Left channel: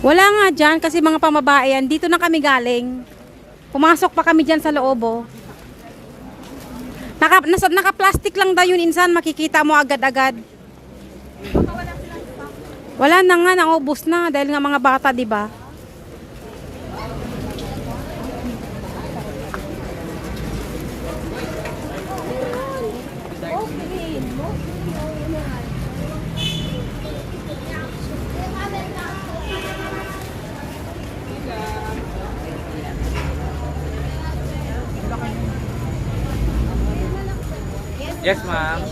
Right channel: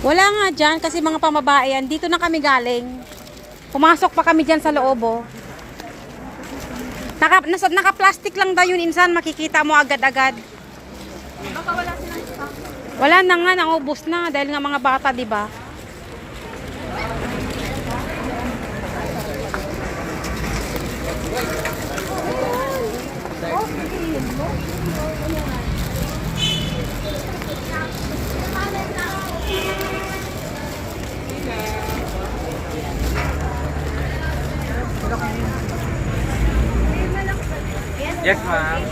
Wala nga dyan kasi mga pamabae yan. Dito na kami galing. Pumasok pa kami dyan sa loob, oh. Naka-plastic lang daw yun, insan. Makikita mo agad-agad. Wala na nga, naubos na. Dahil nga mga bata, di ba? Yes, ma'am.